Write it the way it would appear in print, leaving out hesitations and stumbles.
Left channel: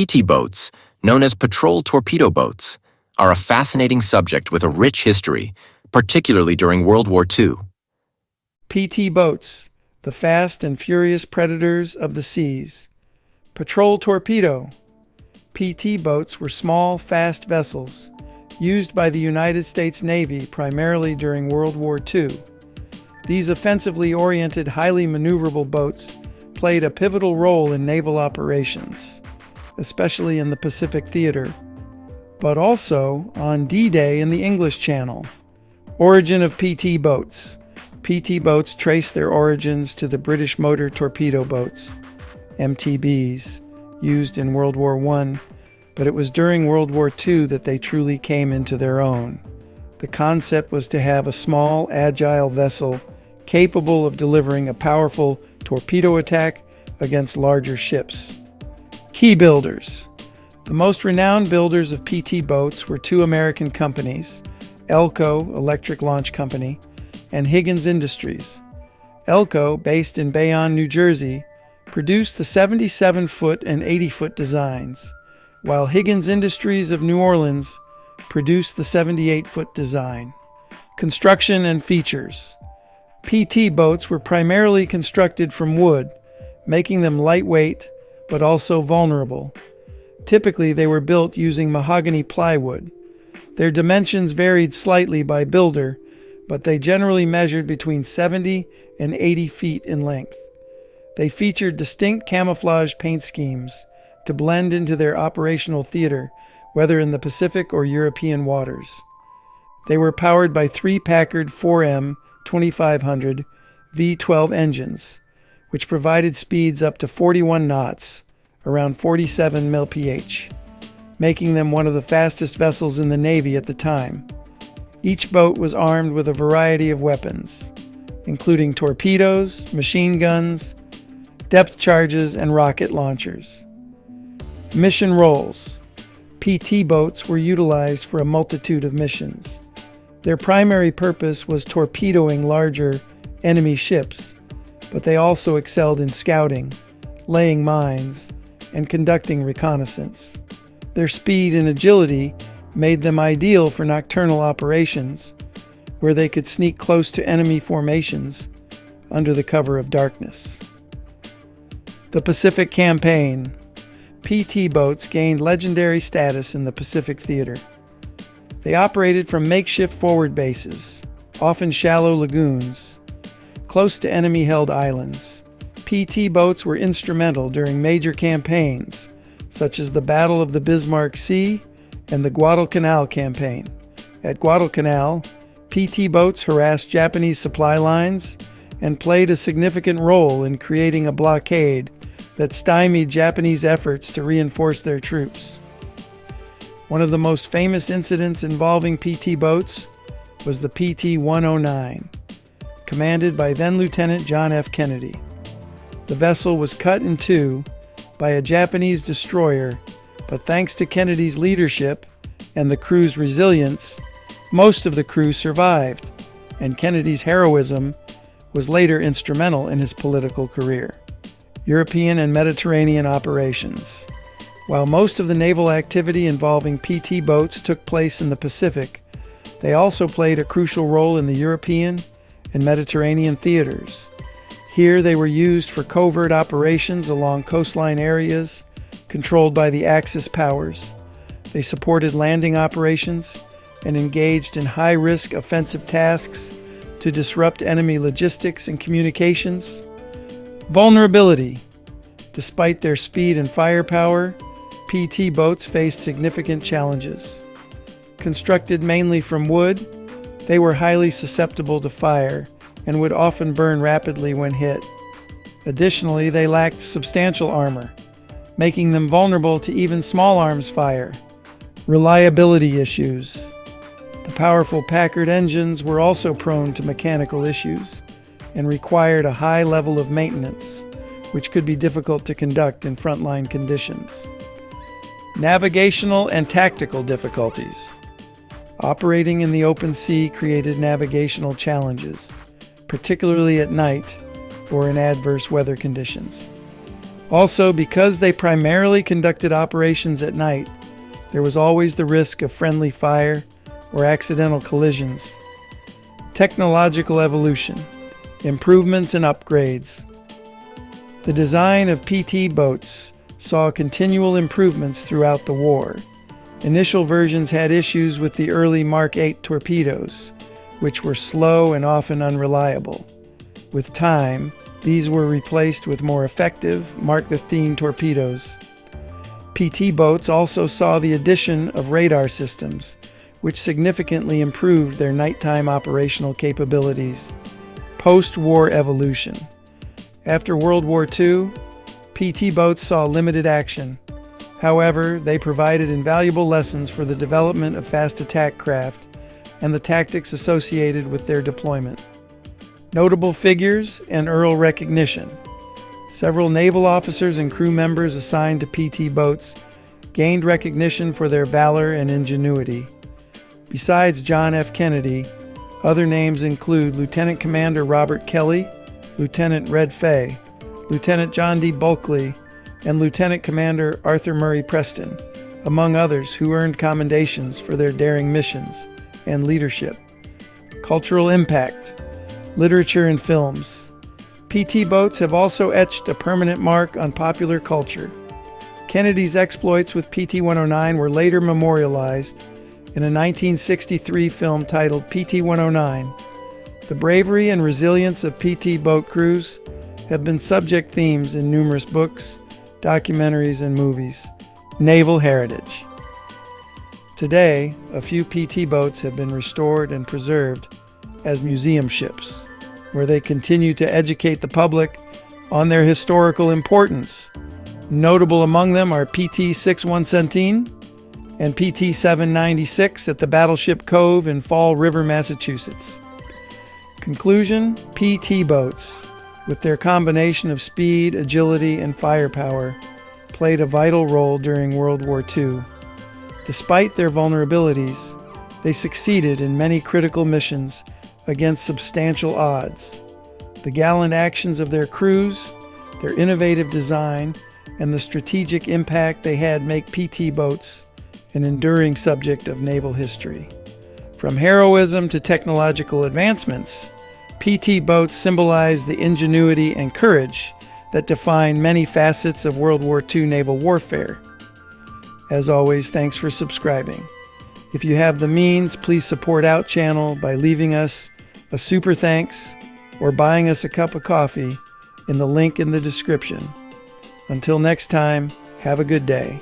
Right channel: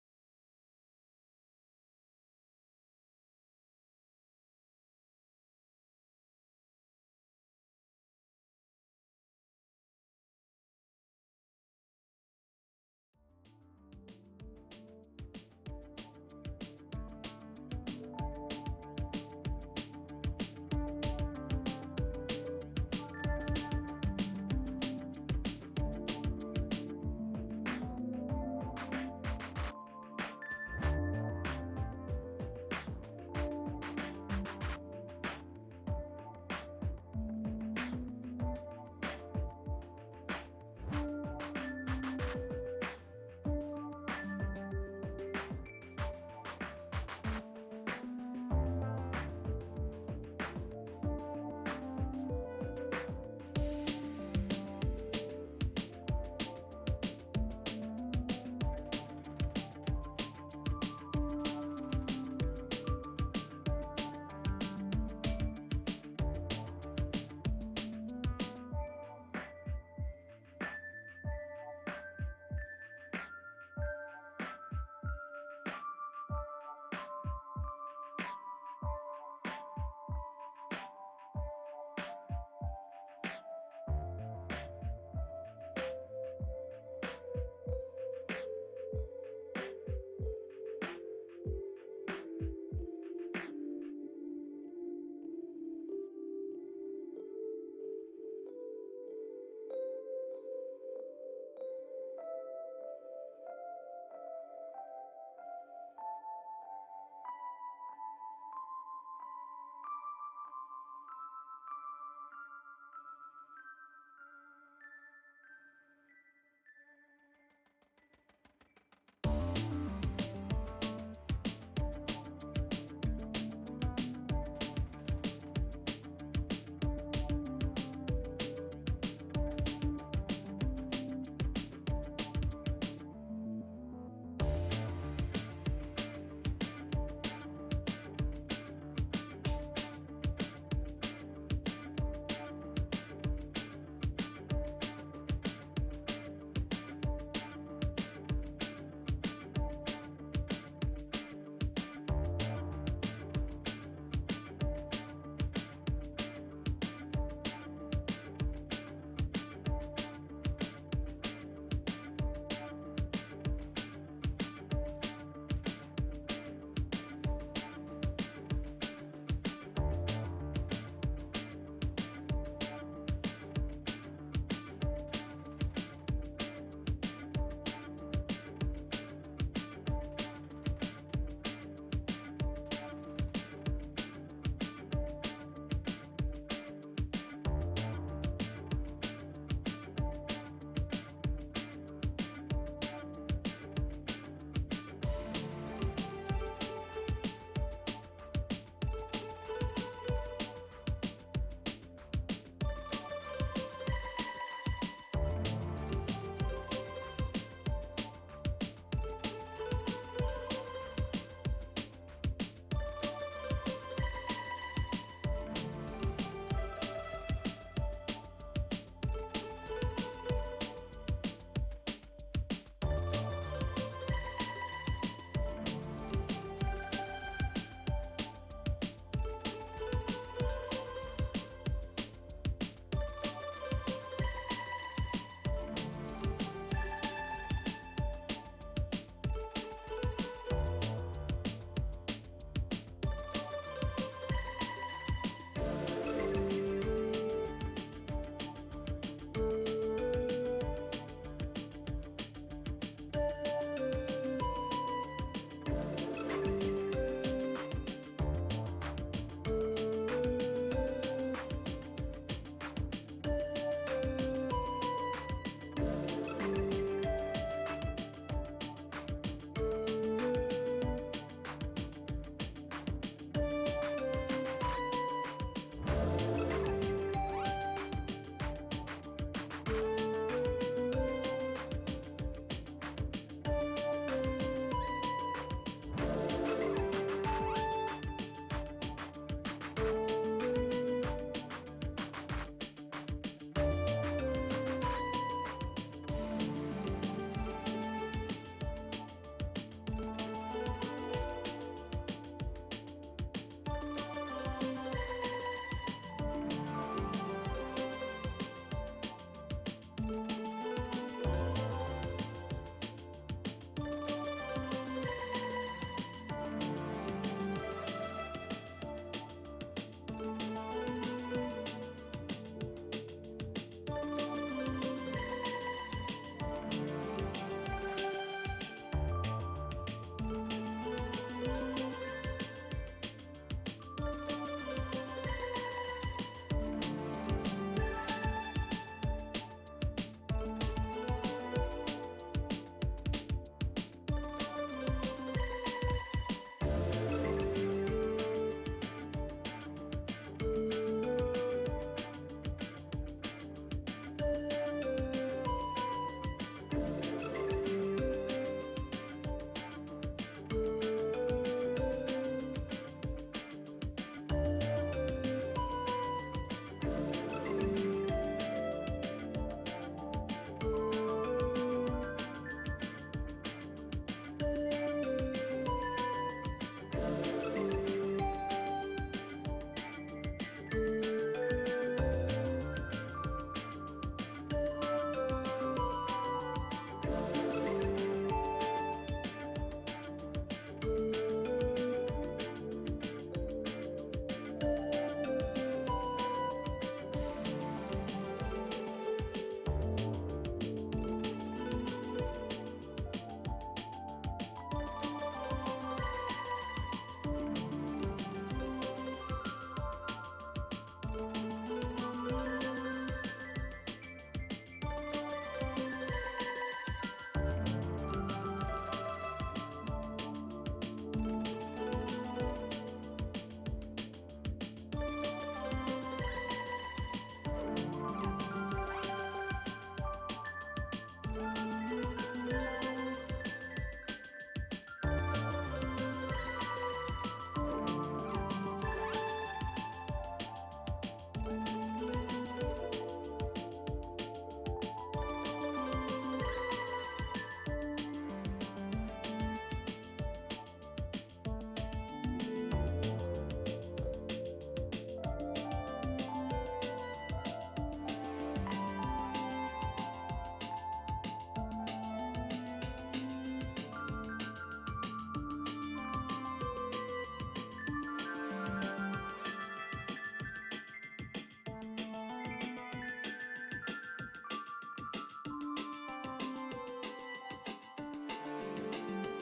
PT boats, known as patrol torpedo boats, are a fascinating subject with a rich history, particularly during World War II. PT boats, the fast and furious predators of the seas. Patrol torpedo. PT boats were small, fast vessels used by the United States Navy primarily during World War II. These offensively oriented, highly maneuverable boats played a pivotal role in naval operations, especially in the Pacific Theater, but also on D-Day in the English Channel. Origin of PT boats. PT boats trace their origins to the British motor torpedo boats, MTBs, used in World War I, but it was during World War II that they truly came into their own. The concept was to have a small, agile vessel capable of delivering a powerful torpedo attack against larger ships. Key builders. The most renowned builders of PT boats were two American companies, Elco, Electric Launch Company, and Higgins Industries. Elco, based in Bayonne, New Jersey, produced the 77-foot and 80-foot designs, while Higgins Industries of New Orleans produced the 78-foot design. Construction and features. PT boats were primarily constructed from wood, making them lightweight but also vulnerable. Typically, they were built using mahogany plywood. Their dimensions varied slightly by builder, but they generally measured between 70 and 80 feet in length. They featured distinct camouflage paint schemes to blend into their operational theater, whether in the Pacific or European waters. They were powered by three Packard 4M 2500 V12 engines, which provided speeds up to 41 knots, around 47 mph, making them one of the fastest vessels in the Navy at the time. Each boat was armed with a variety of weapons, including torpedoes, machine guns, depth charges, and rocket launchers. Mission roles. PT boats were utilized for a multitude of missions. Their primary purpose was torpedoing larger enemy ships, but they also excelled in scouting, laying mines, and conducting reconnaissance. Their speed and agility made them ideal for nocturnal operations, where they could sneak close to enemy formations under the cover of darkness. The Pacific Campaign. PT boats gained legendary status in the Pacific Theater. They operated from makeshift forward bases, often shallow lagoons, close to enemy-held islands. PT boats were instrumental during major campaigns, such as the Battle of the Bismarck Sea and the Guadalcanal Campaign. At Guadalcanal, PT boats harassed Japanese supply lines and played a significant role in creating a blockade that stymied Japanese efforts to reinforce their troops. One of the most famous incidents involving PT boats was the PT-109, commanded by then-Lieutenant John F. Kennedy. The vessel was cut in two by a Japanese destroyer, but thanks to Kennedy's leadership and the crew's resilience, most of the crew survived, and Kennedy's heroism was later instrumental in his political career. European and Mediterranean operations. While most of the naval activity involving PT boats took place in the Pacific, they also played a crucial role in the European and Mediterranean theaters. Here they were used for covert operations along coastline areas controlled by the Axis powers. They supported landing operations and engaged in high-risk offensive tasks to disrupt enemy logistics and communications. Vulnerability. Despite their speed and firepower, PT boats faced significant challenges. Constructed mainly from wood, they were highly susceptible to fire and would often burn rapidly when hit. Additionally, they lacked substantial armor, making them vulnerable to even small arms fire. Reliability issues. The powerful Packard engines were also prone to mechanical issues and required a high level of maintenance, which could be difficult to conduct in frontline conditions. Navigational and tactical difficulties. Operating in the open sea created navigational challenges, particularly at night or in adverse weather conditions. Also, because they primarily conducted operations at night, there was always the risk of friendly fire or accidental collisions. Technological evolution, improvements and upgrades. The design of PT boats saw continual improvements throughout the war. Initial versions had issues with the early Mark 8 torpedoes, which were slow and often unreliable. With time, these were replaced with more effective Mark 15 torpedoes. PT boats also saw the addition of radar systems, which significantly improved their nighttime operational capabilities. Post-war evolution. After World War II, PT boats saw limited action. However, they provided invaluable lessons for the development of fast attack craft and the tactics associated with their deployment. Notable figures and Earl recognition. Several naval officers and crew members assigned to PT boats gained recognition for their valor and ingenuity. Besides John F. Kennedy, other names include Lieutenant Commander Robert Kelly, Lieutenant Red Fay, Lieutenant John D. Bulkley, and Lieutenant Commander Arthur Murray Preston, among others who earned commendations for their daring missions and leadership. Cultural impact, literature and films. PT boats have also etched a permanent mark on popular culture. Kennedy's exploits with PT-109 were later memorialized in a 1963 film titled PT-109. The bravery and resilience of PT boat crews have been subject themes in numerous books, documentaries, and movies. Naval heritage. Today, a few PT boats have been restored and preserved as museum ships, where they continue to educate the public on their historical importance. Notable among them are PT-6117 and PT-796 at the Battleship Cove in Fall River, Massachusetts. Conclusion: PT boats, with their combination of speed, agility, and firepower, played a vital role during World War II. Despite their vulnerabilities, they succeeded in many critical missions against substantial odds. The gallant actions of their crews, their innovative design, and the strategic impact they had make PT boats an enduring subject of naval history. From heroism to technological advancements, PT boats symbolize the ingenuity and courage that define many facets of World War II naval warfare. As always, thanks for subscribing. If you have the means, please support Out Channel by leaving us a super thanks or buying us a cup of coffee in the link in the description. Until next time, have a good day.